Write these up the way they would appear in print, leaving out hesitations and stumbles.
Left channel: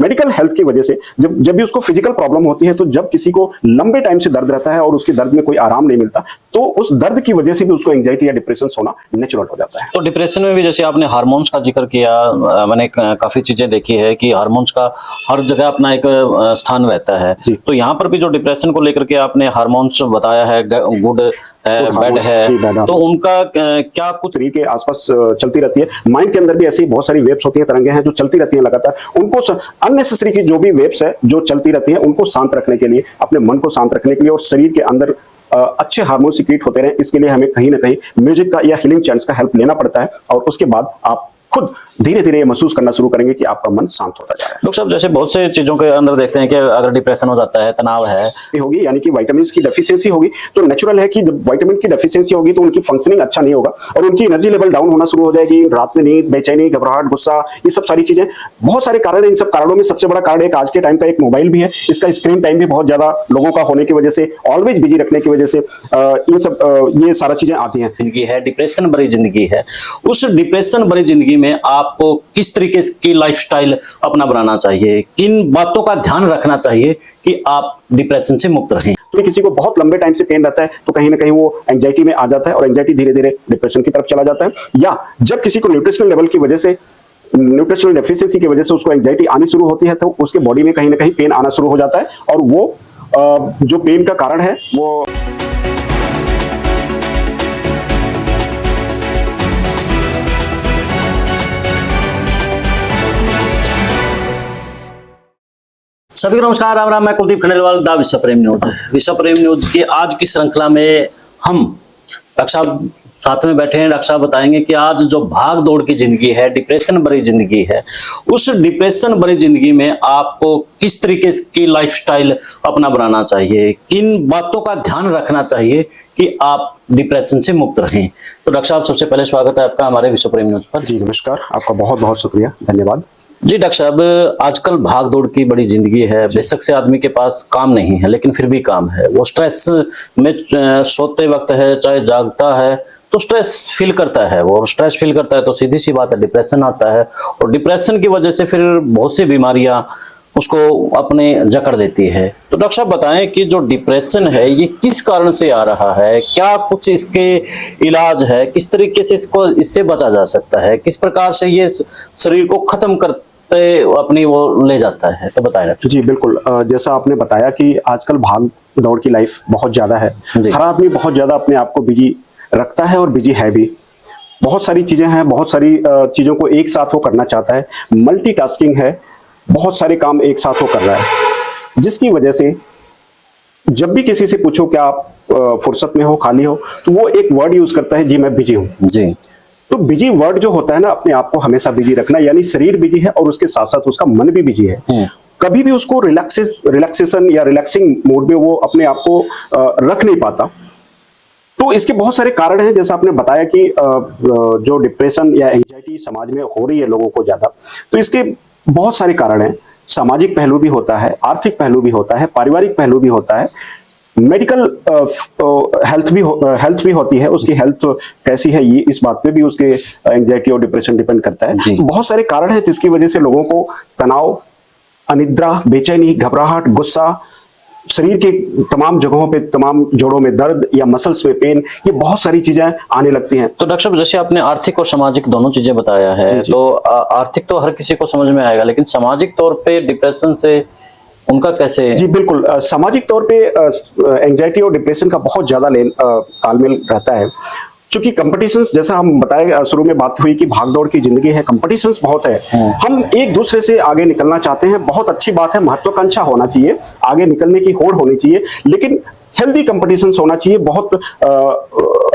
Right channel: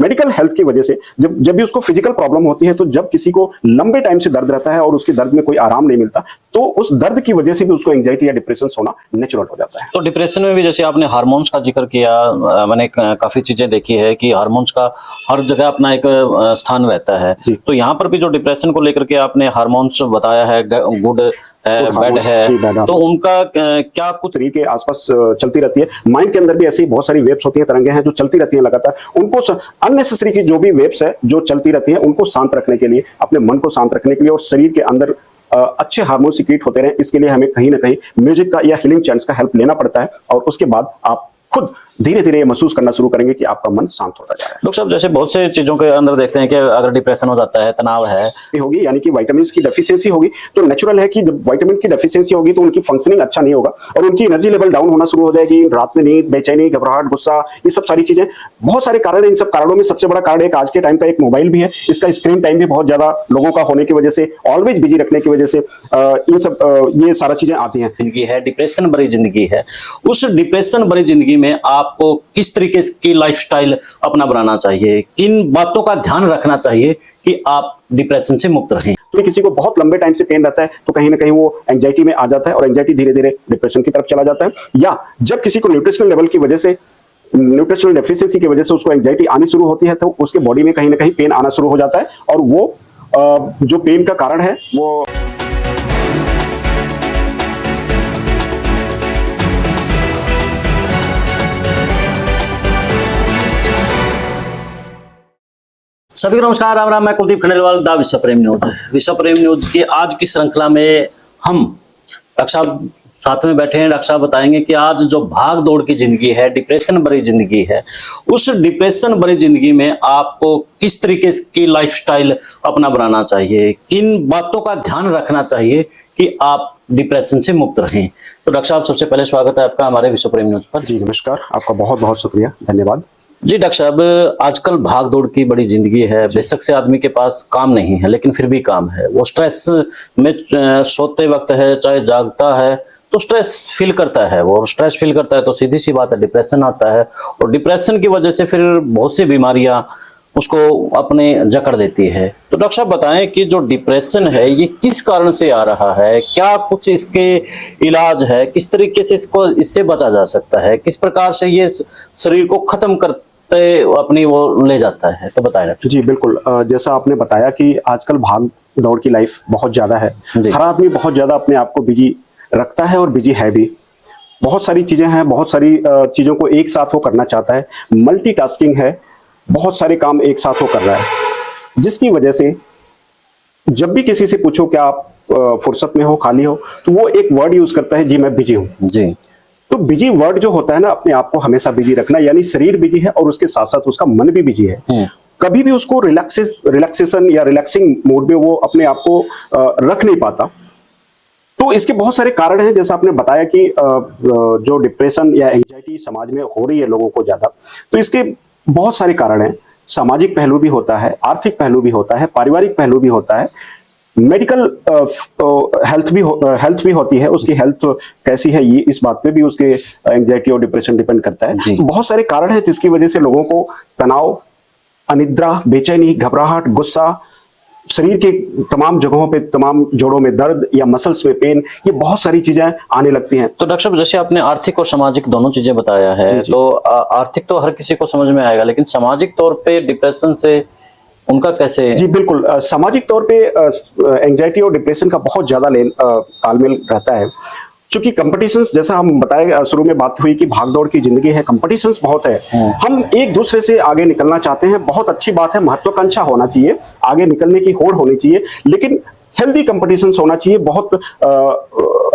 Medical health की वजह से जब जब भी उसको फिजिकल प्रॉब्लम होती है, तो जब किसी को लंबे टाइम से दर्द रहता है और उसके दर्द में कोई आराम नहीं मिलता, तो उस दर्द की वजह से भी उसको एंजाइटी या डिप्रेशन होना नेचुरल हो जाता है। तो डिप्रेशन में भी जैसे आपने हार्मोन्स का जिक्र किया, मैंने काफी चीजें देखी है कि हार्मोन्स का हर जगह अपना एक स्थान रहता है। तो यहाँ पर भी जो डिप्रेशन को लेकर के आपने हार्मोन्स बताया है, गुड बैड है, तो उनका क्या कुछ शरीर के आसपास चलती रहती है। माइंड के अंदर भी ऐसी बहुत सारी वेव्स होती हैं, तरंगे हैं जो चलती रहती हैं लगातार। उनको अननेसेसरी की जो भी वेव्स है जो चलती रहती है, उनको शांत रखने के लिए, अपने मन को शांत रखने के लिए और शरीर के अंदर अच्छे हार्मोन सीक्रेट होते रहे, इसके लिए हमें कहीं ना कहीं म्यूजिक का या हीलिंग चैंट्स का हेल्प लेना पड़ता है। और उसके बाद आप खुद धीरे धीरे महसूस करना शुरू करेंगे कि आपका मन शांत होता जा रहा है। तो जैसे बहुत से चीजों के अंदर देखते हैं कि अगर डिप्रेशन हो जाता है, तनाव है, होगी यानी कि विटामिन की डेफिशिएंसी होगी, तो नेचुरल है कि जब विटामिन की डेफिशिएंसी होगी तो उनकी फंक्शनिंग अच्छा नहीं होगा और उनकी एनर्जी लेवल डाउन होना शुरू हो जाएगी। रात में नींद, बेचैनी, घबराहट, गुस्सा, ये सब सारी चीजें, बहुत सारे कारण हैं। इन सब कारणों में सबसे बड़ा कारण एक आज के टाइम का एक मोबाइल भी है। इसका स्क्रीन टाइम भी बहुत ज्यादा लोगों का होने की वजह से, ऑलवेज बिजी रखने की वजह से ये सारा चीजें आती हैं। जिंदगी है, डिप्रेशन भरी जिंदगी है। उस डिप्रेशन भरी जिंदगी में आपको किस तरीके की लाइफस्टाइल अपना बनाना चाहिए, किन बातों का ध्यान रखना चाहिए कि आप डिप्रेशन से मुक्त रहें? तो किसी को बहुत लंबे टाइम से पेन रहता है तो कहीं ना कहीं वो एंजाइटी में आ जाता है और एंजाइटी धीरे धीरे डिप्रेशन की तरफ चला जाता है। या जब किसी को न्यूट्रिशनल लेवल की वजह से, न्यूट्रिशनल डेफिशिएंसी की वजह से उसको एंजाइटी आने शुरू होती है, तो उसके बॉडी में कहीं ना कहीं पेन आना शुरू हो जाता है और वो जो पेन का कारण है वो सभी को नमस्कार, राम राम। मैं कुलदीप खंडेलवाल, द विश्व प्रेम न्यूज। विश्व प्रेम न्यूज की आज की श्रृंखला में हम डॉक्टर साहब साथ में बैठे हैं। डॉक्टर साहब बताएंगे कि आज जो भाग दौड़ की जिंदगी है, डिप्रेशन भरी जिंदगी है, उस डिप्रेशन भरी जिंदगी में आपको किस तरीके की लाइफस्टाइल अपना बनाना चाहिए, किन बातों का ध्यान रखना चाहिए कि आप डिप्रेशन से मुक्त रहें। तो डॉक्टर साहब, सबसे पहले स्वागत है आपका हमारे विश्व प्रेम न्यूज पर। जी नमस्कार, आपका बहुत बहुत शुक्रिया, धन्यवाद। जी डॉक्टर साहब, आजकल भाग दौड़ की बड़ी जिंदगी है। बेशक से आदमी के पास काम नहीं है, लेकिन फिर भी काम है। वो स्ट्रेस में सोते वक्त है चाहे जागता है तो स्ट्रेस फील करता है। वो स्ट्रेस फील करता है तो सीधी सी बात है डिप्रेशन आता है। और डिप्रेशन की वजह से फिर बहुत सी बीमारियां उसको अपने जकड़ देती है। तो डॉक्टर साहब बताएं कि जो डिप्रेशन है ये किस कारण से आ रहा है, क्या कुछ इसके इलाज है, किस तरीके से इससे बचा जा सकता है, किस प्रकार से ये शरीर को खत्म करते अपनी वो ले जाता है, तो बताएं। जी बिल्कुल, जैसा आपने बताया कि आजकल भाग दौड़ की लाइफ बहुत ज्यादा है। हर आदमी बहुत ज्यादा अपने आप को बिजी रखता है और बिजी है भी। बहुत सारी चीजें हैं, बहुत सारी चीजों को एक साथ वो करना चाहता है। मल्टीटास्किंग है, बहुत सारे काम एक साथ वो कर रहा है, जिसकी वजह से जब भी किसी से पूछो कि आप फुर्सत में हो, खाली हो, तो वो एक वर्ड यूज करता है, जी मैं बिजी हूँ। जी, तो बिजी वर्ड जो होता है ना, अपने आप को हमेशा बिजी रखना, यानी शरीर बिजी है और उसके साथ साथ उसका मन भी बिजी है। कभी भी उसको रिलैक्सेशन या रिलैक्सिंग मोड में वो अपने आप को रख नहीं पाता। तो इसके बहुत सारे कारण हैं, जैसा आपने बताया कि जो डिप्रेशन या एंजाइटी समाज में हो रही है लोगों को ज्यादा, तो इसके बहुत सारे कारण हैं। सामाजिक पहलू भी होता है, आर्थिक पहलू भी होता है, पारिवारिक पहलू भी होता है, मेडिकल हेल्थ भी होती है। उसकी हेल्थ कैसी है, ये इस बात पे भी उसके एंजाइटी और डिप्रेशन डिपेंड करता है। तो बहुत सारे कारण हैं जिसकी वजह से लोगों को तनाव, अनिद्रा, बेचैनी, घबराहट, गुस्सा, शरीर के तमाम जगहों पे, तमाम जोड़ों में दर्द या मसल्स में पेन, ये बहुत सारी चीजें आने लगती हैं। तो डॉक्टर साहब, जैसे आपने आर्थिक और सामाजिक दोनों चीजें बताया है, तो आर्थिक तो हर किसी को समझ में आएगा, लेकिन सामाजिक तौर पे डिप्रेशन से उनका कैसे? जी बिल्कुल, सामाजिक तौर पे एंजाइटी और डिप्रेशन का बहुत ज्यादा तालमेल रहता है। क्योंकि कंपटीशंस, जैसा हम बताए शुरू में बात हुई कि भागदौड़ की जिंदगी है, कंपटीशंस बहुत है। हम एक दूसरे से आगे निकलना चाहते हैं, बहुत अच्छी बात है, महत्वाकांक्षा होना चाहिए, आगे निकलने की होड़ होनी चाहिए, लेकिन हेल्दी कंपटीशंस होना चाहिए, बहुत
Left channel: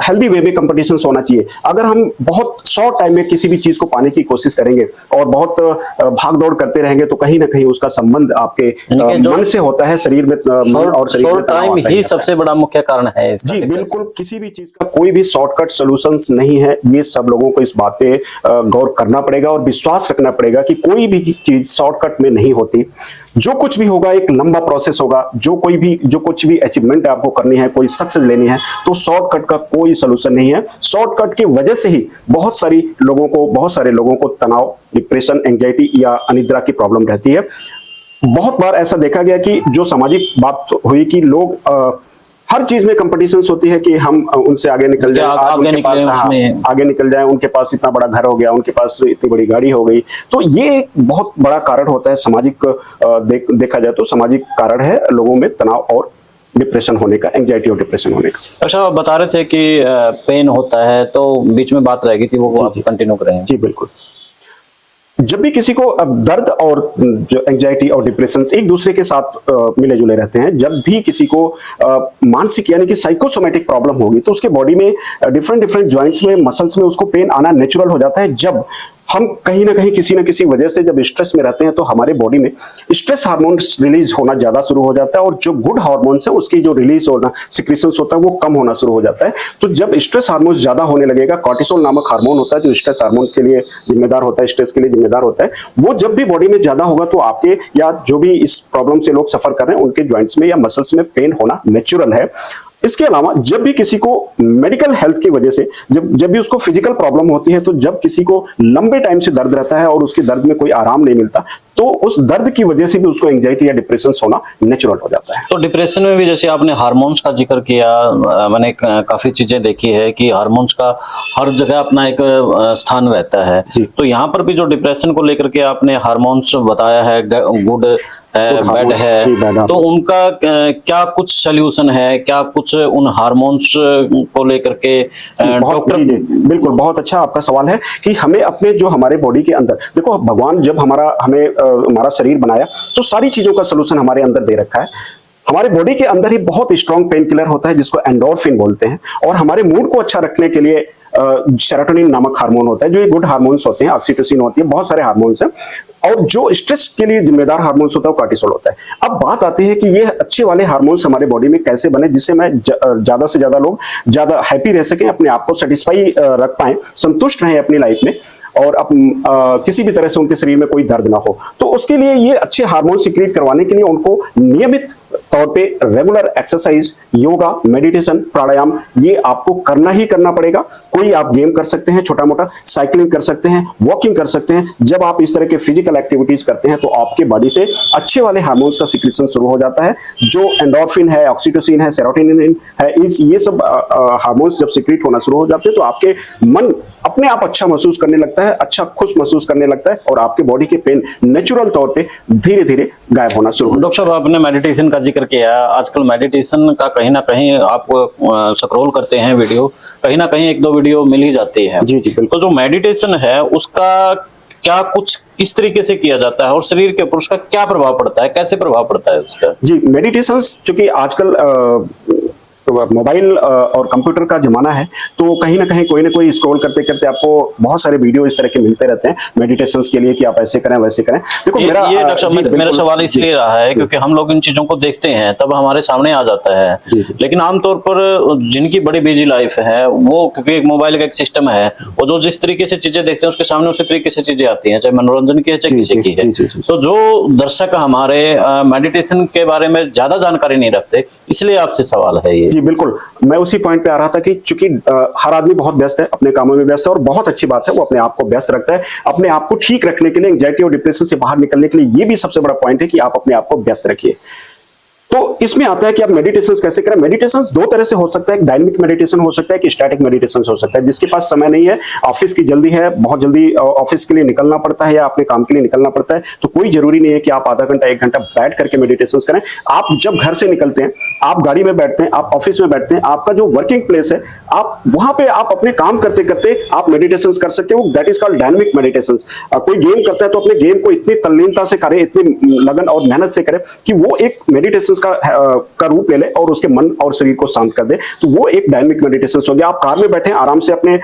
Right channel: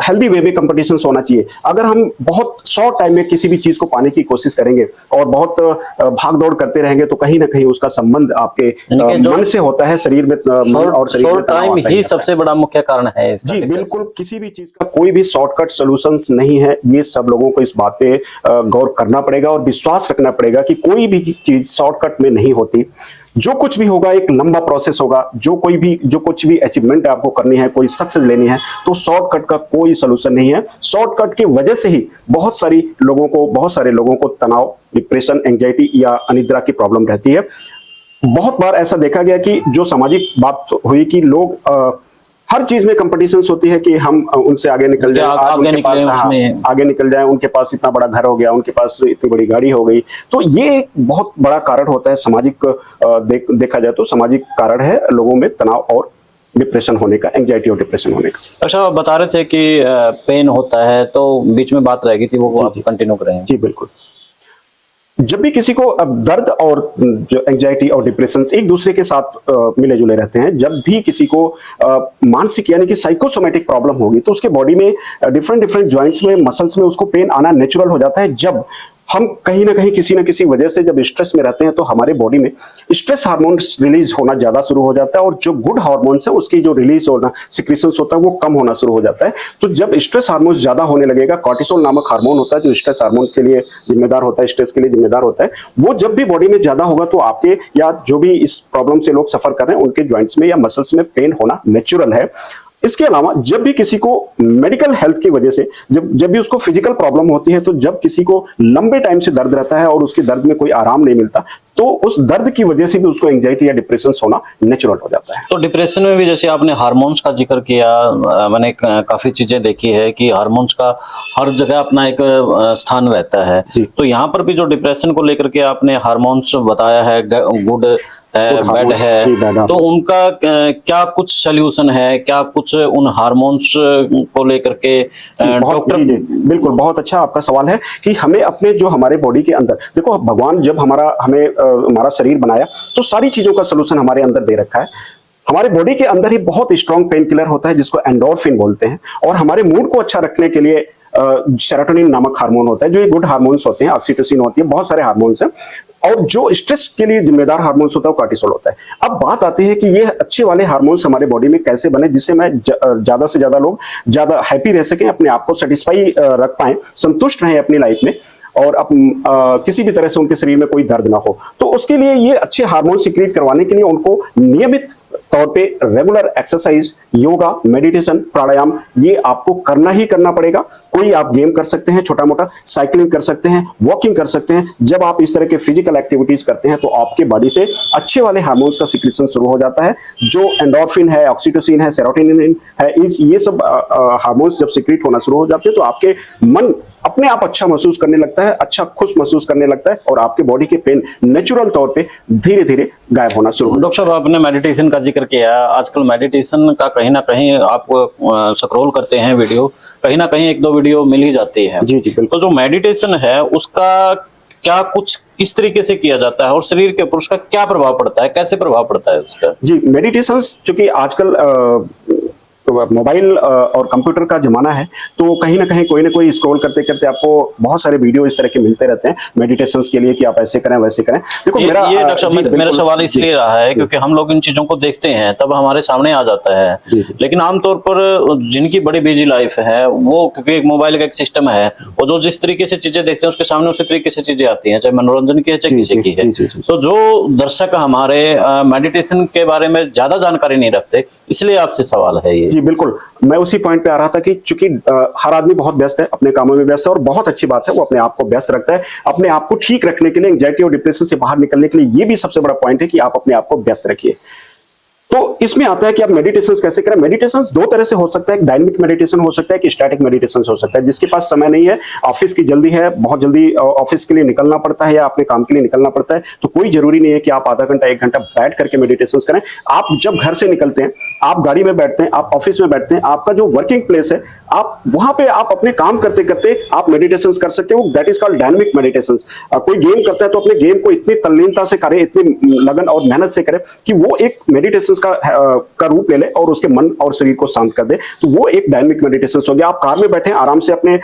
हेल्दी वे में कंपटीशंस होना चाहिए। अगर हम बहुत शॉर्ट टाइम में किसी भी चीज को पाने की कोशिश करेंगे और बहुत भाग दौड़ करते रहेंगे, तो कहीं ना कहीं उसका संबंध आपके मन से होता है, शरीर में और शरीर में टाइम ही सबसे बड़ा मुख्य कारण है इसका। जी बिल्कुल, किसी भी चीज का कोई भी शॉर्टकट सॉल्यूशंस नहीं है। ये सब लोगों को इस बात पे गौर करना पड़ेगा और विश्वास रखना पड़ेगा कि कोई भी चीज शॉर्टकट में नहीं होती। जो कुछ भी होगा एक लंबा प्रोसेस होगा। जो कुछ भी अचीवमेंट आपको करनी है, कोई सक्सेस लेनी है, तो शॉर्टकट का कोई सलूशन नहीं है। शॉर्टकट की वजह से ही बहुत सारे लोगों को तनाव, डिप्रेशन, एंजाइटी या अनिद्रा की प्रॉब्लम रहती है। बहुत बार ऐसा देखा गया कि जो सामाजिक बात हुई कि लोग हर चीज में कंपटीशंस होती है कि हम उनसे आगे निकल जाए, आगे निकले उसमें। आगे निकल जाए, उनके पास इतना बड़ा घर हो गया, उनके पास इतनी बड़ी गाड़ी हो गई। तो ये एक बहुत बड़ा कारण होता है सामाजिक, देखा जाए तो सामाजिक कारण है लोगों में तनाव और डिप्रेशन होने का, एंजाइटी और डिप्रेशन होने का। अच्छा, आप बता रहे थे कि पेन होता है, तो बीच में बात रह गई थी, वो आप कंटिन्यू करेंगे। जी बिल्कुल। जब भी किसी को अब दर्द और जो एंजाइटी और डिप्रेशन एक दूसरे के साथ मिले जुले रहते हैं, जब भी किसी को मानसिक यानी कि साइकोसोमेटिक प्रॉब्लम होगी तो उसके बॉडी में डिफरेंट डिफरेंट जॉइंट्स में, मसल्स में उसको पेन आना नेचुरल हो जाता है। जब हम कहीं ना कहीं किसी न किसी वजह से जब स्ट्रेस में रहते हैं तो हमारे बॉडी में स्ट्रेस हार्मोन्स रिलीज होना ज्यादा शुरू हो जाता है और जो गुड हार्मोन्स है उसकी जो रिलीज होना, सिक्रीशंस होता है, वो कम होना शुरू हो जाता है। तो जब स्ट्रेस हार्मोन्स ज्यादा होने लगेगा, कॉर्टिसोल नामक हार्मोन होता है जो स्ट्रेस हार्मोन के लिए जिम्मेदार होता है, स्ट्रेस के लिए जिम्मेदार होता है, वो जब भी बॉडी में ज्यादा होगा तो आपके या जो भी इस प्रॉब्लम से लोग सफर कर रहे हैं उनके ज्वाइंट्स में या मसल्स में पेन होना नेचुरल है। इसके अलावा जब भी किसी को मेडिकल हेल्थ की वजह से जब भी उसको फिजिकल प्रॉब्लम होती है, तो जब किसी को लंबे टाइम से दर्द रहता है और उसके दर्द में कोई आराम नहीं मिलता, तो उस दर्द की वजह से भी उसको एंजाइटी या डिप्रेशन होना नेचुरल हो जाता है। तो डिप्रेशन में भी जैसे आपने हार्मोन्स का जिक्र किया, मैंने काफी चीजें देखी है कि हार्मोन्स का हर जगह अपना एक स्थान रहता है। तो यहाँ पर भी जो डिप्रेशन को लेकर के आपने हार्मोन्स बताया है, गुड है, बैड है, तो उनका क्या कुछ सोल्यूशन है, क्या कुछ उन हार्मोन्स को लेकर के डॉक्टर? बिल्कुल, बहुत अच्छा आपका सवाल है कि हमें अपने जो हमारे बॉडी के अंदर, देखो भगवान जब हमारा शरीर बनाया तो सारी चीजों का सोल्यूशन हमारे अंदर दे रखा है। हमारे बॉडी के अंदर ही बहुत स्ट्रॉन्ग पेन किलर होता है जिसको एंडोर्फिन बोलते हैं, और हमारे मूड को अच्छा रखने के लिए सेरोटोनिन नामक हार्मोन होता है, जो ये गुड हार्मोन्स होते हैं, ऑक्सीटोसिन होती है, बहुत सारे हार्मोन्स हैं, और जो स्ट्रेस के लिए जिम्मेदार हार्मोन्स होता है वो कॉर्टिसोल होता है। अब बात आती है कि ये अच्छे वाले हार्मोन्स हमारे बॉडी में कैसे बने जिससे मैं ज्यादा से ज्यादा लोग ज्यादा हैप्पी रह सकें, अपने आप को सेटिस्फाई रख पाए, संतुष्ट रहे अपनी लाइफ में, और किसी भी तरह से उनके शरीर में कोई दर्द ना हो। तो उसके लिए ये अच्छे हार्मोन सिक्रीट करवाने के लिए उनको नियमित तौर पे रेगुलर एक्सरसाइज, योगा, मेडिटेशन, प्राणायाम ये आपको करना ही करना पड़ेगा। कोई आप गेम कर सकते हैं, छोटा मोटा साइकिलिंग कर सकते हैं, वॉकिंग कर सकते हैं। जब आप इस तरह के फिजिकल एक्टिविटीज करते हैं तो आपके बॉडी से अच्छे वाले हार्मोन्स का सिक्रीशन शुरू हो जाता है। जो एंडोर्फिन है, ऑक्सीटोसिन है, सेरोटोनिन है, ये सब हार्मोन्स जब सिक्रीट होना शुरू हो जाते हैं तो आपके मन अपने आप अच्छा महसूस करने लगता है, अच्छा खुश महसूस करने लगता है, और आपके बॉडी के पेन नेचुरल तौर पे धीरे धीरे गायब होना शुरू हो। डॉक्टर साहब, आपने मेडिटेशन का जिक्र किया। आजकल मेडिटेशन का कहीं ना कहीं आप स्क्रॉल करते हैं वीडियो, कहीं ना कहीं एक दो वीडियो मिल ही जाती है। जी बिल्कुल। तो जो मेडिटेशन है उसका क्या कुछ किस तरीके से किया जाता है और शरीर के ऊपर उसका क्या प्रभाव पड़ता है, कैसे प्रभाव पड़ता है उसका? जी, मेडिटेशन चूंकि आजकल मोबाइल और कंप्यूटर का जमाना है, तो कहीं ना कहीं कोई ना कोई स्क्रॉल करते करते आपको बहुत सारे वीडियो इस तरह के मिलते रहते हैं मेडिटेशन के लिए कि आप ऐसे करें वैसे करें। देखो ये डॉक्टर मेरा सवाल इसलिए रहा है क्योंकि हम लोग इन चीजों को देखते हैं तब हमारे सामने आ जाता है, लेकिन आमतौर पर जिनकी बड़ी बिजी लाइफ है वो, क्योंकि एक मोबाइल का एक सिस्टम है, वो जो जिस तरीके से चीजें देखते हैं उसके सामने उसी तरीके से चीजें आती हैं, चाहे मनोरंजन की है चाहे किसी की है। तो जो दर्शक हमारे मेडिटेशन के बारे में ज्यादा जानकारी नहीं रखते, इसलिए आपसे सवाल है ये। जी बिल्कुल, मैं उसी पॉइंट पे आ रहा था कि चूंकि हर आदमी बहुत व्यस्त है, अपने कामों में व्यस्त है, और बहुत अच्छी बात है वो अपने आप को व्यस्त रखते हैं। अपने आप को ठीक रखने के लिए, एंजाइटी और डिप्रेशन से बाहर निकलने के लिए ये भी सबसे बड़ा पॉइंट है कि आप अपने आप को व्यस्त रखिए। तो इसमें आता है कि आप मेडिटेशन कैसे करें। मेडिटेशन दो तरह से हो सकता है, एक डायनामिक मेडिटेशन हो सकता है, कि स्टैटिक मेडिटेशन हो सकता है। जिसके पास समय नहीं है, ऑफिस की जल्दी है, बहुत जल्दी ऑफिस के लिए निकलना पड़ता है या अपने काम के लिए निकलना पड़ता है, तो कोई जरूरी नहीं है कि आप आधा घंटा 1 घंटा बैठ करके मेडिटेशन करें। आप जब घर से निकलते हैं, आप गाड़ी में बैठते हैं, आप ऑफिस में बैठते हैं, आपका जो वर्किंग प्लेस है, आप वहां पे आप अपने काम करते करते आप मेडिटेशन कर सकते हो। That is called dynamic meditation. और कोई गेम करता है तो अपने गेम को इतनी तल्लीनता से करे, इतनी लगन और मेहनत से करे कि वो एक मेडिटेशन का रूप ले ले और उसके मन और शरीर को शांत कर दे, तो वो एक डायनामिक मेडिटेशन हो गया। आप कार में बैठे आराम से अपने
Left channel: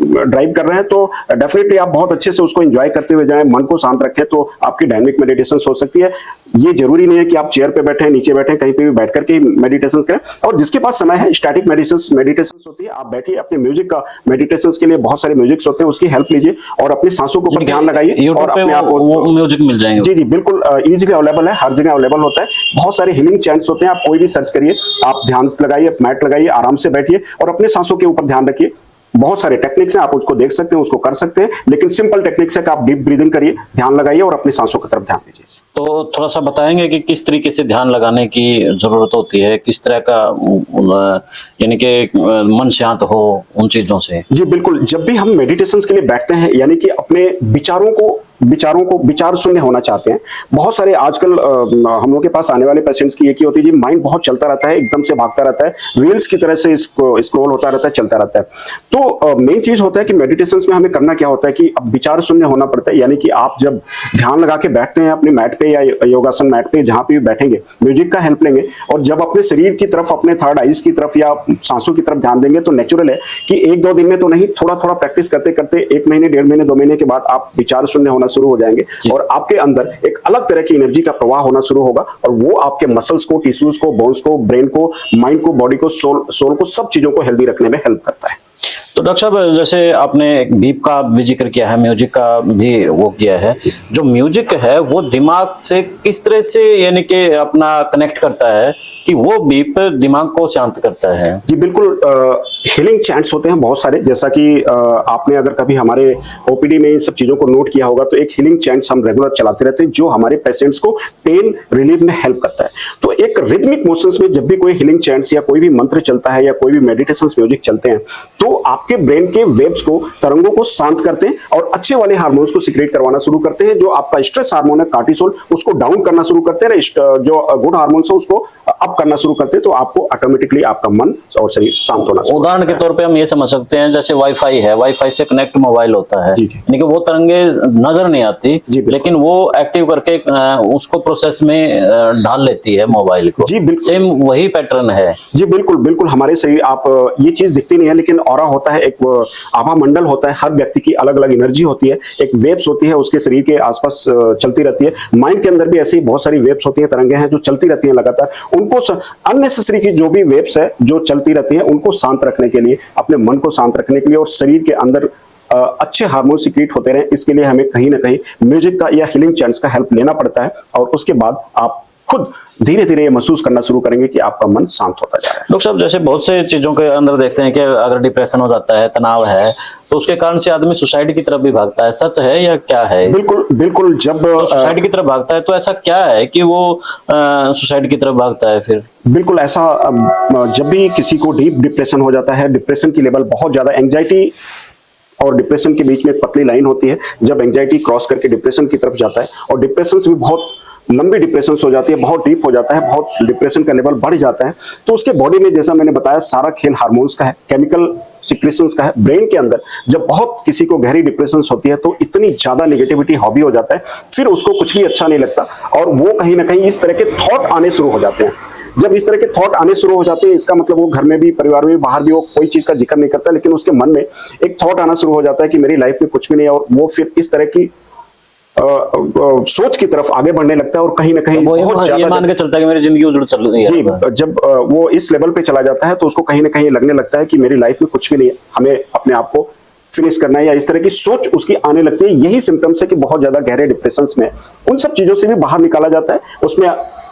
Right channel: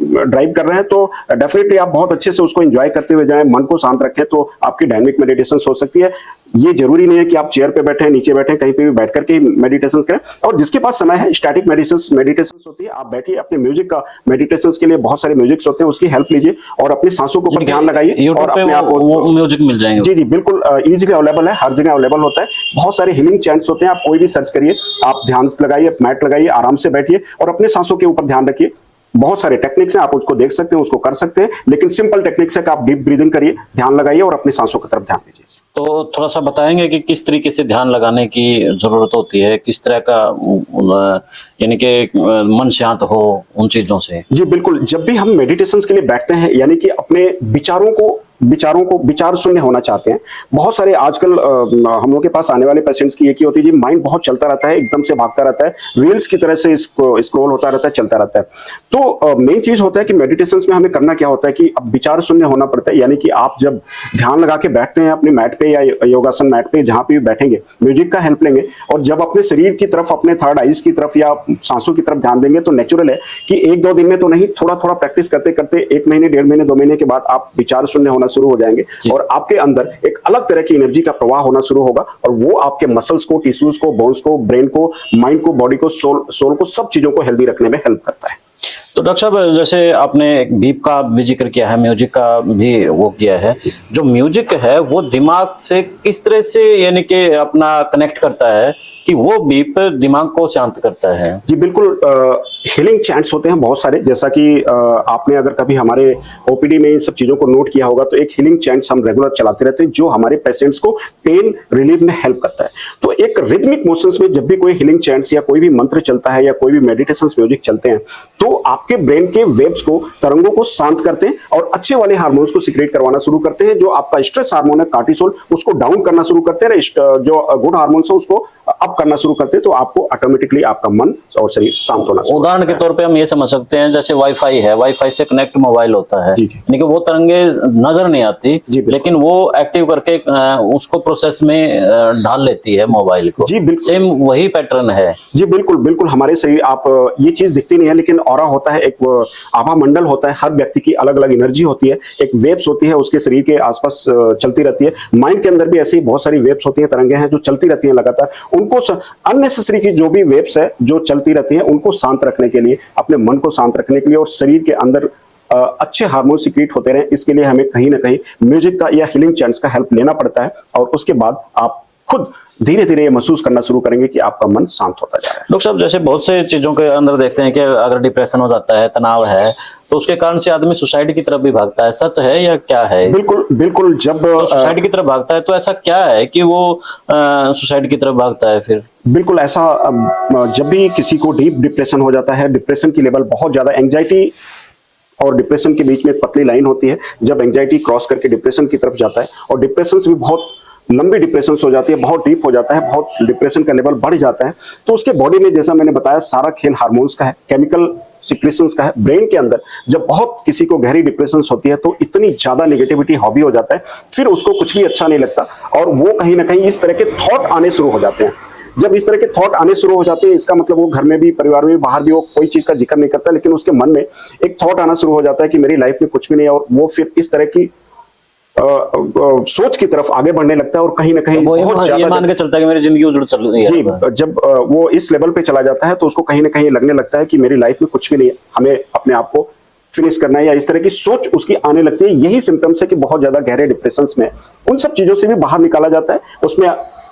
ड्राइव कर रहे हैं तो डेफिनेटली आप बहुत अच्छे से उसको एंजॉय करते हुए जाएं, मन को शांत रखें, तो आपकी डायनामिक मेडिटेशन हो सकती है। ये जरूरी नहीं है कि आप चेयर पे बैठे, नीचे बैठे, कहीं पे भी बैठ करके मेडिटेशन करें। और जिसके पास समय है, स्टैटिक मेडिटेशन होती है, आप बैठिए, अपने म्यूजिक का मेडिटेशन के लिए बहुत सारे म्यूजिक होते हैं, उसकी हेल्प लीजिए और अपनी सांसों के ऊपर ध्यान लगाइए और अपने आप म्यूजिक मिल जाएंगे। जी बिल्कुल, इजीली अवेलेबल है, हर जगह अवेलेबल होता है। बहुत सारे हीलिंग चैंट्स होते हैं, आप कोई भी सर्च करिए, आप ध्यान लगाइए, मैट लगाइए, आराम से बैठिए और अपने सांसों के ऊपर ध्यान रखिए। बहुत सारे टेक्निक्स हैं, आप उसको देख सकते हैं, उसको कर सकते हैं, लेकिन सिंपल टेक्निक्स है कि आप डीप ब्रीदिंग करिए, ध्यान लगाइए और अपनी सांसों की तरफ ध्यान दीजिए। तो थोड़ा सा बताएंगे कि किस तरीके से ध्यान लगाने की जरूरत होती है, किस तरह का यानी कि मन शांत हो उन चीजों से। जी बिल्कुल, जब भी हम मेडिटेशंस के लिए बैठते हैं यानी कि अपने विचारों को विचार शून्य होना चाहते हैं। बहुत सारे आजकल हम लोग के पास आने वाले पेशेंट्स की एक ही होती है, जी माइंड बहुत चलता रहता है, एकदम से भागता रहता है, रील्स की तरह से स्क्रॉल होता रहता है, चलता रहता है। तो मेन चीज होता है कि मेडिटेशंस में हमें करना क्या होता है कि अब विचार शून्य होना पड़ता है, यानी कि आप जब ध्यान लगा के बैठते हैं अपने मैट पे या योगासन मैट पे जहां पे भी बैठेंगे, म्यूजिक का हेल्प लेंगे और जब अपने शरीर की तरफ, अपने थर्ड आईज की तरफ या सांसों की तरफ ध्यान देंगे, तो नेचुरल है कि एक दो दिन में तो नहीं, थोड़ा थोड़ा प्रैक्टिस करते करते 1 महीने, 1.5 महीने, 2 महीने के बाद आप विचार शून्य होना शुरू हो जाएंगे और आपके अंदर एक अलग तरह की एनर्जी का प्रवाह होना शुरू होगा और वो आपके मसल्स को, टिश्यूज को, बोन्स को, ब्रेन को, माइंड को, बॉडी को, सोल को, सब चीजों को हेल्दी रखने में हेल्प करता है। तो डॉक्टर साहब, जैसे आपने बीप का भी जिक्र किया है, म्यूजिक का भी वो किया है, जो म्यूजिक है वो दिमाग से किस तरह से यानी कि अपना कनेक्ट करता है कि वो बीप दिमाग को शांत करता है? जी बिल्कुल, हीलिंग चैंट्स होते हैं बहुत सारे, जैसा कि आपने अगर कभी हमारे ओपीडी में इन सब चीजों को नोट किया होगा, तो एक हीलिंग चैंट्स हम रेगुलर चलाते रहते हैं जो हमारे पेशेंट्स को पेन रिलीफ में हेल्प करता है। तो एक रिदमिक मोशंस में जब भी कोई हीलिंग चैंट्स या कोई भी मंत्र चलता है या कोई भी मेडिटेशन म्यूजिक चलते हैं, तो आपके ब्रेन के वेव्स को, तरंगों को शांत करते हैं और अच्छे वाले हार्मोन्स को सिक्रेट करवाना शुरू करते हैं। जो आपका स्ट्रेस हार्मोन है कार्टिसोल, उसको डाउन करना शुरू करते हैं, जो गुड हार्मोन्स है उसको अप करना शुरू करते हैं, तो आपको ऑटोमेटिकली आपका मन और शरीर शांत होना शुरू। उदाहरण के तौर पे हम ये समझ सकते हैं, जैसे वाईफाई है, वाईफाई से कनेक्ट मोबाइल होता है, लेकिन वो तरंगे नजर नहीं आती, लेकिन वो एक्टिव करके उसको प्रोसेस में डाल लेती है मोबाइल को। जी बिल्कुल, सेम वही पैटर्न है। जी बिल्कुल बिल्कुल, हमारे शरीर, आप ये चीज दिखती नहीं है लेकिन ऑरा होता है, एक आभा मंडल होता है, हर व्यक्ति की अलग अलग एनर्जी होती है, एक वेव्स होती है उसके शरीर के आसपास चलती रहती है। माइंड के अंदर भी ऐसी बहुत सारी वेव्स होती है, तरंगे हैं जो चलती रहती हैं लगातार। उनको अननेसेसरी की जो भी वेव्स है जो चलती रहती है, उनको शांत रखने के लिए, अपने मन को शांत रखने के लिए और शरीर के अंदर अच्छे हार्मोन सिक्रीट होते रहे, इसके लिए हमें कहीं ना कहीं म्यूजिक का या हीलिंग चैंट्स का हेल्प लेना पड़ता है और उसके बाद आप खुद धीरे धीरे ये महसूस करना शुरू करेंगे कि आपका मन शांत होता जा रहा है। डॉक्टर साहब, जैसे बहुत से चीजों के अंदर देखते हैं कि अगर डिप्रेशन हो जाता है, तनाव है, तो उसके कारण से आदमी सुसाइड की तरफ भी भागता है। सच है या क्या है? बिल्कुल बिल्कुल, जब सुसाइड की तरफ भागता है तो ऐसा क्या है कि वो सुसाइड की तरफ भागता है फिर? बिल्कुल ऐसा, जब भी किसी को डीप डिप्रेशन हो जाता है, डिप्रेशन की लेवल बहुत ज्यादा, एंजाइटी और डिप्रेशन के बीच में एक पतली लाइन होती है, जब एंजाइटी क्रॉस करके डिप्रेशन की तरफ जाता है और डिप्रेशन से भी बहुत लंबी डिप्रेशन हो जाती है, बहुत डीप हो जाता है, बहुत डिप्रेशन का लेवल बढ़ जाता है, तो उसकी बॉडी में, जैसा मैंने बताया, सारा खेल हार्मोन्स का है, केमिकल सिक्रेशंस का है। ब्रेन के अंदर जब बहुत किसी को गहरी डिप्रेशन होती है तो इतनी ज्यादा नेगेटिविटी हॉबी हो जाता है, फिर उसको कुछ भी अच्छा नहीं लगता और वो कहीं ना कहीं इस तरह के थॉट आने शुरू हो जाते हैं। जब इस तरह के थॉट आने शुरू हो जाते हैं, इसका मतलब वो घर में भी, परिवार में भी, बाहर भी, वो कोई चीज का जिक्र नहीं करता, लेकिन उसके मन में एक थॉट आना शुरू हो जाता है कि मेरी लाइफ में कुछ भी नहीं है और वो फिर इस तरह की सोच की तरफ आगे बढ़ने लगता है और कहीं ना कहीं वो ये मान के चलता है कि मेरी जिंदगी उजड़ चल रही है। जी, जब वो इस लेवल पे चला जाता है तो उसको कहीं ना कहीं लगने लगता है कि मेरी लाइफ में कुछ भी नहीं है, हमें अपने आप को फिनिश करना है, या इस तरह की सोच उसकी आने लगती है। यही सिम्टम्स है कि बहुत ज्यादा गहरे डिप्रेशन में उन सब चीजों से भी बाहर निकाला जाता है। उसमें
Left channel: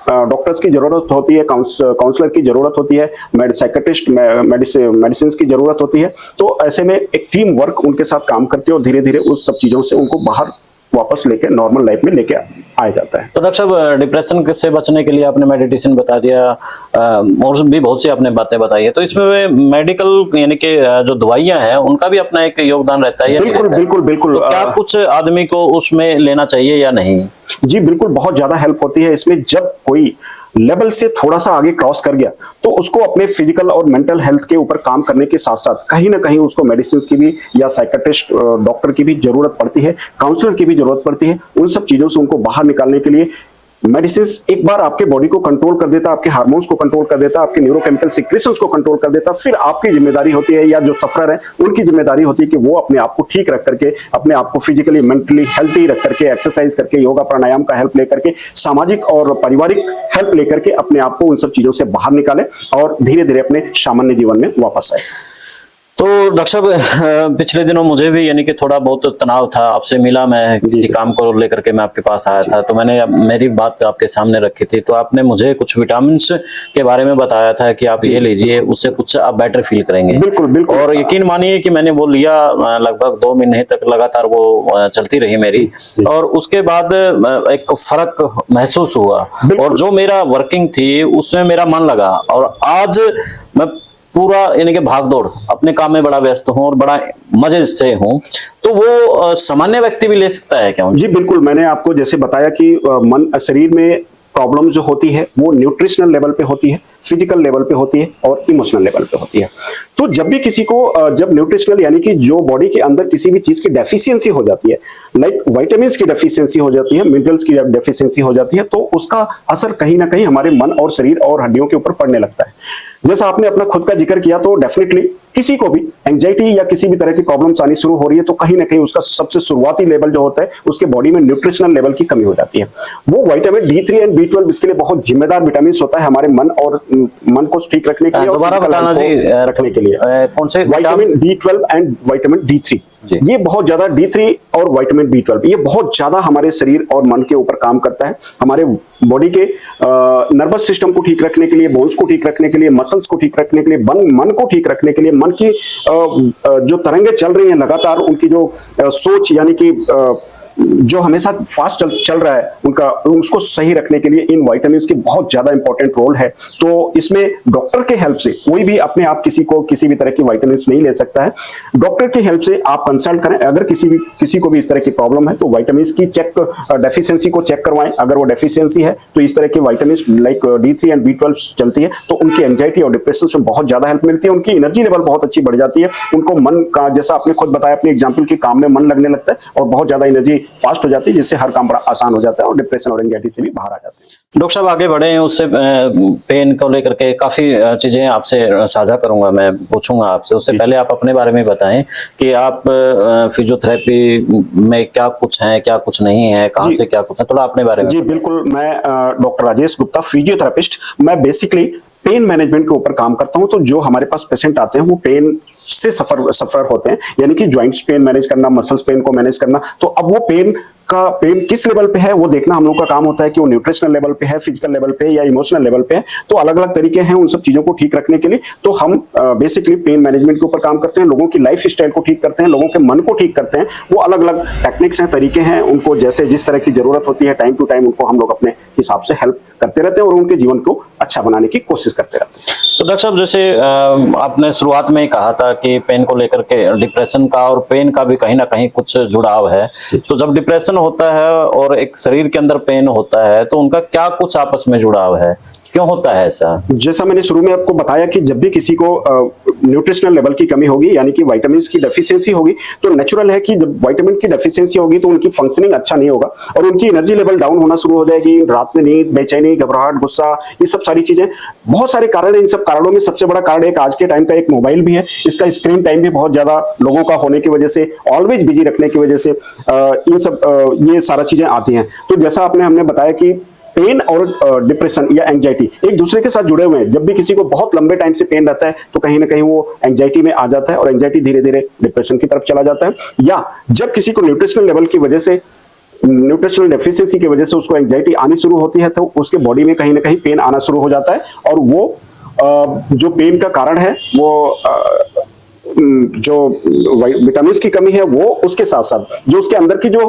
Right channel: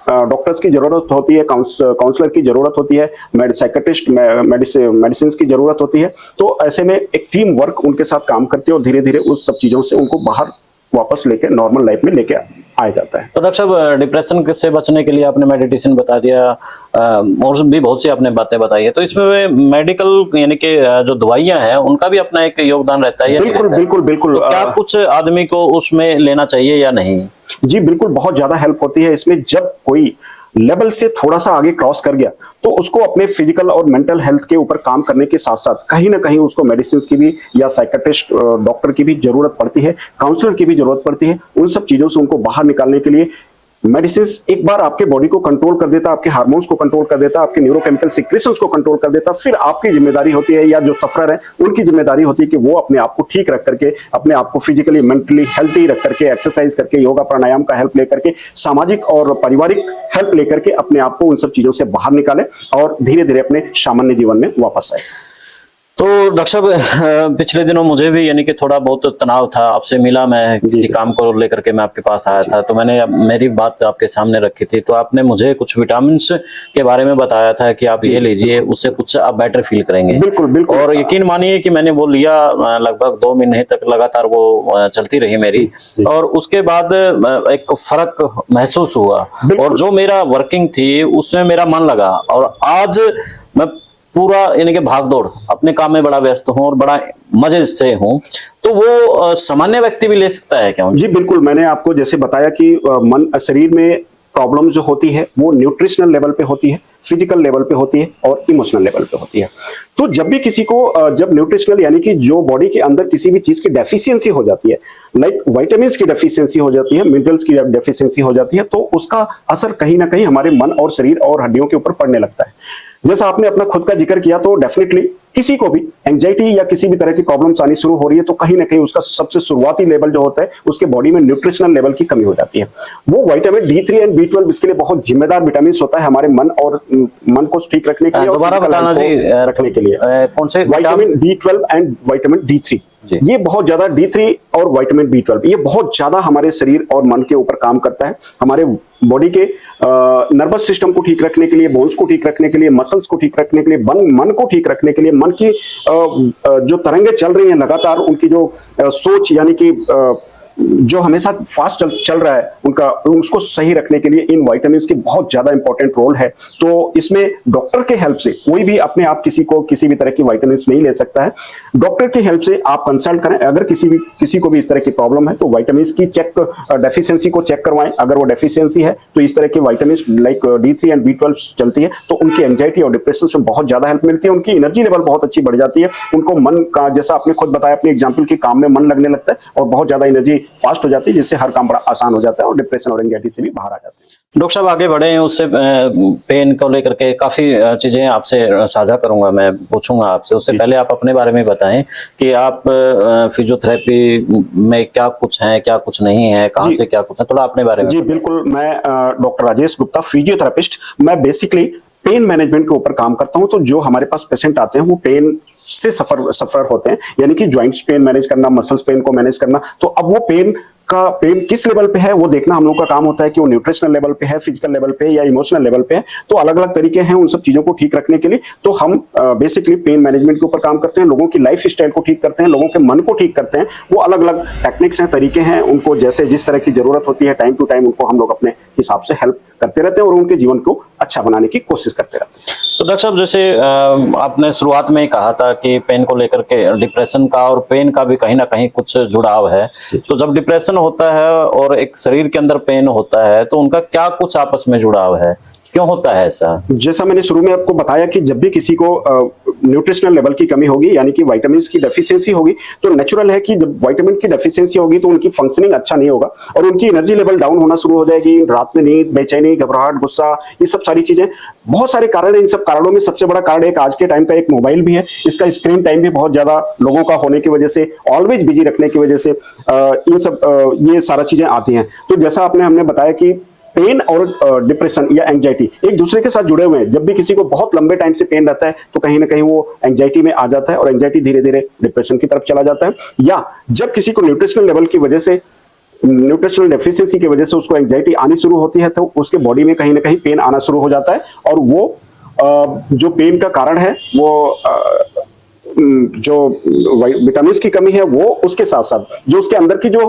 डॉक्टर्स की जरूरत होती है, काउंसलर की जरूरत होती है, साइकियाट्रिस्ट, मेडिसिन की जरूरत होती है। तो ऐसे में एक टीम वर्क उनके साथ काम करती है और धीरे धीरे उस सब चीजों से उनको बाहर वापस लेके नॉर्मल लाइफ में लेके आ जाता है। तो डॉक्टर साहब, डिप्रेशन से बचने के लिए आपने मेडिटेशन बता दिया और भी बहुत सी आपने बातें बताई है, तो इसमें मेडिकल यानी कि जो दवाइयां हैं उनका भी अपना एक योगदान रहता है या बिल्कुल बिल्कुल बिल्कुल। क्या कुछ आदमी को उसमें लेना चाहिए या नहीं? जी बिल्कुल, बहुत ज्यादा हेल्प होती है इसमें। जब कोई लेवल से थोड़ा सा आगे क्रॉस कर गया तो उसको अपने फिजिकल और मेंटल हेल्थ के ऊपर काम करने के साथ साथ कहीं ना कहीं उसको मेडिसिन की भी या साइकियाट्रिस्ट डॉक्टर की भी जरूरत पड़ती है, काउंसलर की भी जरूरत पड़ती है। उन सब चीजों से उनको बाहर निकालने के लिए मेडिसिन एक बार आपके बॉडी को कंट्रोल कर देता है, आपके हार्मोन्स को कंट्रोल कर देता है, आपके न्यूरोकेमिकल सिक्रेशंस को कंट्रोल कर देता है। फिर आपकी जिम्मेदारी होती है, या जो सफरर है उनकी जिम्मेदारी होती है कि वो अपने आप को ठीक रख करके, अपने आप को फिजिकली मेंटली हेल्थी रख करके, एक्सरसाइज करके, योगा प्राणायाम का हेल्प लेकर के, सामाजिक और पारिवारिक हेल्प लेकर के अपने आप को उन सब चीजों से बाहर निकाले और धीरे धीरे अपने सामान्य जीवन में वापस आए। तो डॉक्टर साहब पिछले दिनों मुझे भी यानी कि थोड़ा बहुत तनाव था, आपसे मिला, मैं किसी काम को लेकर के मैं आपके पास आया था, तो मैंने मेरी बात आपके सामने रखी थी, तो आपने मुझे कुछ विटामिन के बारे में बताया था कि आप ये लीजिए, उससे कुछ आप बेटर फील करेंगे। और यकीन मानिए कि मैंने वो लिया, लगभग 2 महीने तक लगातार वो चलती रही मेरी, और उसके बाद एक फर्क महसूस हुआ, और जो मेरा वर्किंग थी उसमें मेरा मन लगा, और आज मैं पूरा यानी कि भाग दौड़ अपने काम में बड़ा व्यस्त हूँ और बड़ा मजे से हूँ। तो वो सामान्य व्यक्ति भी ले सकता है क्या? जी बिल्कुल, मैंने आपको जैसे बताया कि मन शरीर में प्रॉब्लम जो होती है वो न्यूट्रिशनल लेवल पे होती है, फिजिकल लेवल पे होती है और इमोशनल लेवल पे होती है। तो जब भी किसी को जब न्यूट्रिशनल यानी कि जो बॉडी के अंदर किसी भी चीज की डेफिशिएंसी हो जाती है, लाइक विटामिन्स की डेफिशिएंसी हो जाती है, मिनरल्स की डेफिशिएंसी हो जाती है, तो उसका असर कहीं ना कहीं हमारे मन और शरीर और हड्डियों के ऊपर पड़ने लगता है। जैसा आपने अपना खुद का जिक्र किया, तो डेफिनेटली किसी को भी एंजाइटी या किसी भी तरह की प्रॉब्लम्स आनी शुरू हो रही है तो कहीं ना कहीं उसका सबसे शुरुआती लेवल जो होता है उसके बॉडी में न्यूट्रिशनल लेवल की कमी हो जाती है। वो विटामिन D3 और B12 इसके लिए बहुत जिम्मेदार विटामिन होता है हमारे मन और मन को ठीक रखने के लिए, दोबारा बताना जी, रखने के लिए। कौन से vitamin B12 and vitamin D3, ये बहुत ज्यादा D3 और विटामिन B12 ये बहुत ज्यादा हमारे शरीर और मन के ऊपर काम करता है, हमारे बॉडी के नर्वस सिस्टम को ठीक रखने के लिए, बोन्स को ठीक रखने के लिए, मसल्स को ठीक रखने के लिए, मन को ठीक रखने के लिए, मन की जो तरंगें चल रही हैं लगातार, उनकी जो सोच यानी कि जो हमेशा फास्ट चल रहा है उनका, उसको सही रखने के लिए इन विटामिन की बहुत ज्यादा इंपॉर्टेंट रोल है। तो इसमें डॉक्टर के हेल्प से कोई भी अपने आप किसी को किसी भी तरह के विटामिन नहीं ले सकता है, डॉक्टर की हेल्प से आप कंसल्ट करें। अगर किसी को भी इस तरह की प्रॉब्लम है तो विटामिन की डेफिशिएंसी को चेक करवाएं। अगर वो डेफिशिएंसी है तो इस तरह की vitamin like D3 and B12 चलती है तो उनकी एंजाइटी और डिप्रेशन में बहुत ज्यादा हेल्प मिलती है, उनकी एनर्जी लेवल बहुत अच्छी बढ़ जाती है, उनको मन का, जैसा आपने खुद बताया अपने एग्जाम्पल के, काम में मन लगने लगता है और बहुत ज्यादा एनर्जी फास्ट हो जाती है, जिससे हर काम बड़ा आसान हो जाता है और डिप्रेशन और एंजाइटी से भी बाहर आ जाती है। डॉक्टर साहब आगे बढ़े हैं, उससे पेन को लेकर के काफी चीजें आपसे साझा करूंगा, मैं पूछूंगा आपसे। उससे पहले आप अपने बारे में बताएं कि आप फिजियोथेरेपी में क्या कुछ है, क्या कुछ नहीं है, कहाँ से क्या कुछ है, थोड़ा अपने बारे में। जी बिल्कुल, मैं डॉक्टर राजेश गुप्ता, फिजियोथेरेपिस्ट। मैं बेसिकली पेन मैनेजमेंट के ऊपर काम करता हूं। तो जो हमारे पास पेशेंट आते हैं वो पेन से सफर होते हैं, यानी कि जॉइंट्स पेन मैनेज करना, मसल्स पेन को मैनेज करना। तो अब वो पेन किस लेवल पे है वो देखना हम लोग का काम होता है कि वो न्यूट्रिशनल लेवल पे है, फिजिकल लेवल पे या इमोशनल लेवल पे है। तो अलग अलग तरीके हैं उन सब चीजों को ठीक रखने के लिए। तो हम बेसिकली पेन मैनेजमेंट के ऊपर काम करते हैं, लोगों की लाइफ स्टाइल को ठीक करते हैं, लोगों के मन को ठीक करते हैं। वो अलग अलग टेक्निक्स हैं, तरीके हैं, उनको जैसे जिस तरह की जरूरत होती है टाइम टू टाइम उनको हम लोग अपने हिसाब से हेल्प करते रहते हैं और उनके जीवन को अच्छा बनाने की कोशिश करते रहते हैं। तो डॉक्टर साहब जैसे आपने शुरुआत में ही कहा था कि पेन को लेकर के, डिप्रेशन का और पेन का भी कहीं ना कहीं कुछ जुड़ाव है। तो जब डिप्रेशन होता है और एक शरीर के अंदर पेन होता है तो उनका क्या कुछ आपस में जुड़ाव है, क्यों होता है ऐसा? जैसा मैंने शुरू में आपको बताया कि जब भी किसी को न्यूट्रिशनल लेवल की कमी होगी यानी कि विटामिन की डेफिशिएंसी होगी, तो नेचुरल है कि जब विटामिन की डेफिशिएंसी होगी तो उनकी फंक्शनिंग अच्छा नहीं होगा और उनकी एनर्जी लेवल डाउन होना शुरू हो जाएगी। रात में नींद, बेचैनी, घबराहट, गुस्सा, ये सब सारी चीजें, बहुत सारे कारण हैं। इन सब कारणों में सबसे बड़ा कारण एक आज के टाइम का एक मोबाइल भी है। इसका स्क्रीन टाइम भी बहुत ज्यादा लोगों का होने की वजह से, ऑलवेज बिजी रखने की वजह से इन सब ये सारा चीजें आती हैं। तो जैसा हमने बताया कि पेन और डिप्रेशन या एंजाइटी एक दूसरे के साथ जुड़े हुए हैं। जब भी किसी को बहुत लंबे टाइम से पेन रहता है तो कहीं ना कहीं वो एंजाइटी में आ जाता है और एंजाइटी धीरे धीरे डिप्रेशन की तरफ चला जाता है। या जब किसी को न्यूट्रिशनल लेवल की वजह से, न्यूट्रिशनल डेफिशिएंसी की वजह से उसको एंजाइटी आनी शुरू होती है तो उसके बॉडी में कहीं ना कहीं पेन आना शुरू हो जाता है। और वो जो पेन का कारण है वो जो विटामिन की कमी है वो, उसके साथ साथ जो उसके अंदर की जो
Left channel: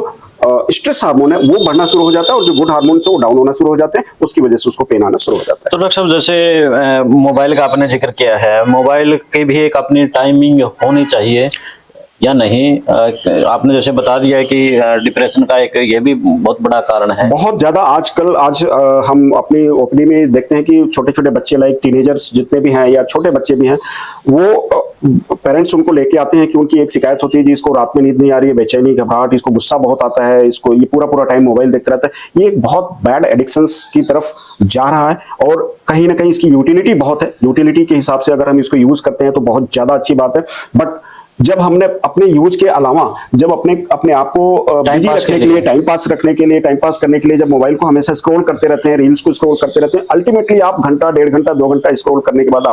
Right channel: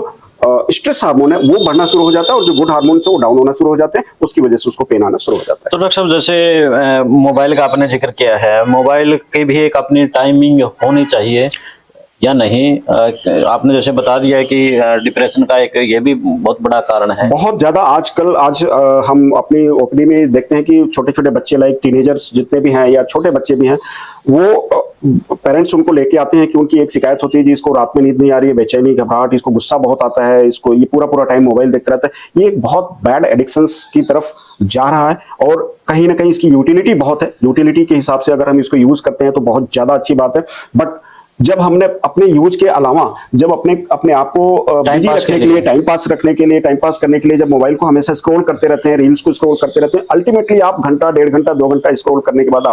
स्ट्रेस हार्मोन है वो बढ़ना शुरू हो जाता है और जो गुड हार्मोन है वो डाउन होना शुरू हो जाते हैं, उसकी वजह से उसको पेन आना शुरू हो जाता है। तो डॉक्टर साहब जैसे मोबाइल का आपने जिक्र किया है, मोबाइल की भी एक अपनी टाइमिंग होनी चाहिए या नहीं? आपने जैसे बता दिया है कि डिप्रेशन का एक ये भी बहुत बड़ा कारण है। बहुत ज्यादा आज हम अपने ओपीडी में देखते हैं कि छोटे छोटे बच्चे, लाइक टीनेजर्स जितने भी हैं या छोटे बच्चे भी हैं, वो पेरेंट्स उनको लेके आते हैं कि उनकी एक शिकायत होती है कि इसको रात में नींद नहीं आ रही है, बेचैनी, घबराहट, इसको गुस्सा बहुत आता है, इसको ये पूरा टाइम मोबाइल देखता रहता है। ये एक बहुत बैड एडिक्शंस की तरफ जा रहा है और कहीं ना कहीं इसकी यूटिलिटी बहुत है। यूटिलिटी के हिसाब से अगर हम इसको यूज करते हैं तो बहुत ज्यादा अच्छी बात है, बट जब हमने अपने यूज के अलावा जब अपने आप को बिजी पास रखने के के लिए, टाइम पास रखने के लिए, टाइम पास करने के लिए जब मोबाइल को हमेशा स्क्रॉल करते रहते हैं, रील्स को स्क्रॉल करते रहते हैं, अल्टीमेटली आप घंटा, 1.5 घंटा, 2 घंटा स्क्रॉल करने के बाद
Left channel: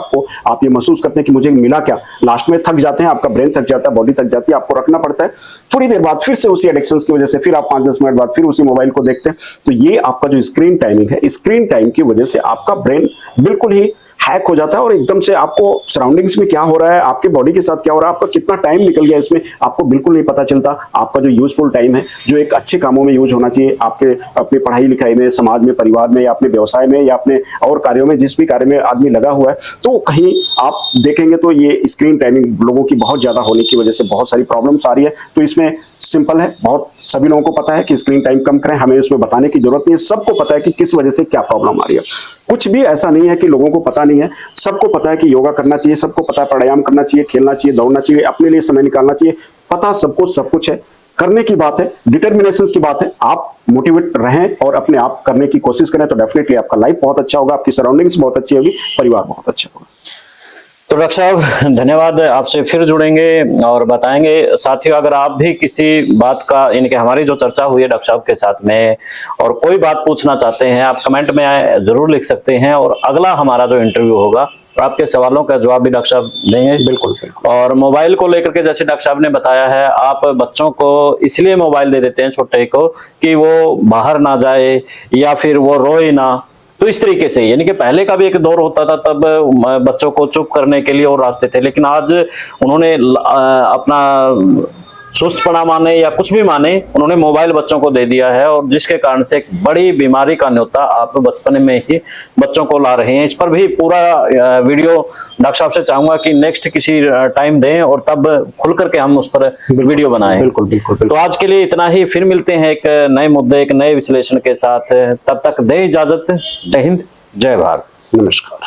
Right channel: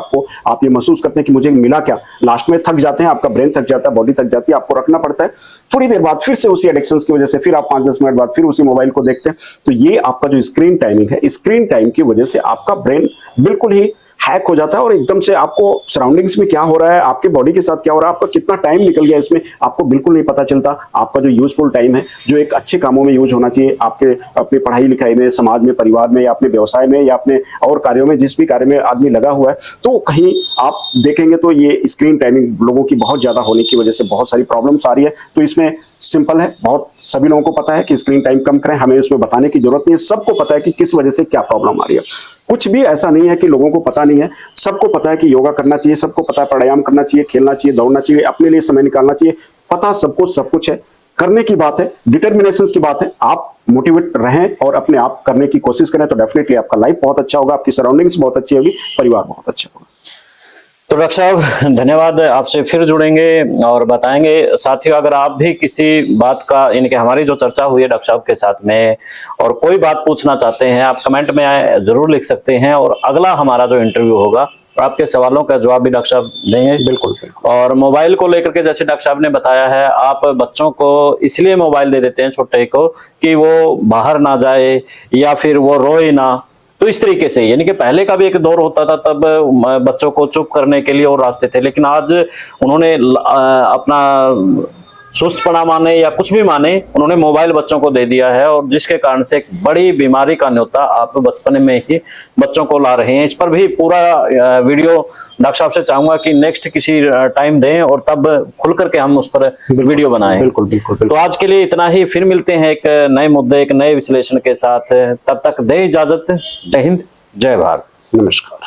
आप ये महसूस करते हैं कि मुझे मिला क्या। लास्ट में थक जाते हैं, आपका ब्रेन थक जाता है, बॉडी थक जाती है, आपको रखना पड़ता है। थोड़ी देर बाद फिर से उसी एडिक्शन की वजह से फिर आप 5-10 मिनट बाद फिर उसी मोबाइल को देखते हैं। तो ये आपका जो स्क्रीन टाइमिंग है, स्क्रीन टाइम की वजह से आपका ब्रेन बिल्कुल ही हैक हो जाता है और एकदम से आपको सराउंडिंग्स में क्या हो रहा है, आपके बॉडी के साथ क्या हो रहा है, आपका कितना टाइम निकल गया इसमें, आपको बिल्कुल नहीं पता चलता। आपका जो यूजफुल टाइम है, जो एक अच्छे कामों में यूज होना चाहिए, आपके अपने पढ़ाई लिखाई में, समाज में, परिवार में, या अपने व्यवसाय में, या अपने और कार्यों में, जिस भी कार्य में आदमी लगा हुआ है, तो कहीं आप देखेंगे तो ये स्क्रीन टाइमिंग लोगों की बहुत ज्यादा होने की वजह से बहुत सारी प्रॉब्लम्स आ रही है। तो इसमें सिंपल है, बहुत सभी लोगों को पता है कि स्क्रीन टाइम कम करें, हमें इसमें बताने की जरूरत नहीं है। सबको पता है कि किस वजह से क्या प्रॉब्लम आ रही है। कुछ भी ऐसा नहीं है कि लोगों को पता नहीं है, सबको पता है कि योगा करना चाहिए, सबको पता है प्राणायाम करना चाहिए, खेलना चाहिए, दौड़ना चाहिए, अपने लिए समय निकालना चाहिए। पता सब कुछ है, करने की बात है, डिटर्मिनेशन की बात है। आप मोटिवेट रहें और अपने आप करने की कोशिश करें तो डेफिनेटली आपका लाइफ बहुत अच्छा होगा, आपकी सराउंडिंग्स बहुत अच्छी होगी, परिवार बहुत अच्छा होगा। तो डॉक्टर साहब धन्यवाद, आपसे फिर जुड़ेंगे और बताएंगे। साथियों, अगर आप भी किसी बात का, यानी कि हमारी जो चर्चा हुई है डॉक्टर साहब के साथ में, और कोई बात पूछना चाहते हैं, आप कमेंट में जरूर लिख सकते हैं और अगला हमारा जो इंटरव्यू होगा तो आपके सवालों का जवाब भी डॉक्टर साहब देंगे। बिल्कुल। और मोबाइल को लेकर के जैसे डॉक्टर साहब ने बताया है, आप बच्चों को इसलिए मोबाइल दे देते हैं छोटे को कि वो बाहर ना जाए या फिर वो रोए ना, तो इस तरीके से, यानी कि पहले का भी एक दौर होता था, तब बच्चों को चुप करने के लिए और रास्ते थे, लेकिन आज उन्होंने अपना सुस्तपना माने या कुछ भी माने, उन्होंने मोबाइल बच्चों को दे दिया है, और जिसके कारण से एक बड़ी बीमारी का न्योता आप बचपन में ही बच्चों को ला रहे हैं। इस पर भी पूरा वीडियो डॉक्टर साहब से चाहूंगा कि नेक्स्ट किसी टाइम दें और तब खुल करके हम उस पर वीडियो बनाएं। बिल्कुल बिल्कुल। तो आज के लिए इतना ही, फिर मिलते हैं एक नए मुद्दे, एक नए विश्लेषण के साथ। तब तक दे इजाजत। जय हिंद, जय भारत, नमस्कार।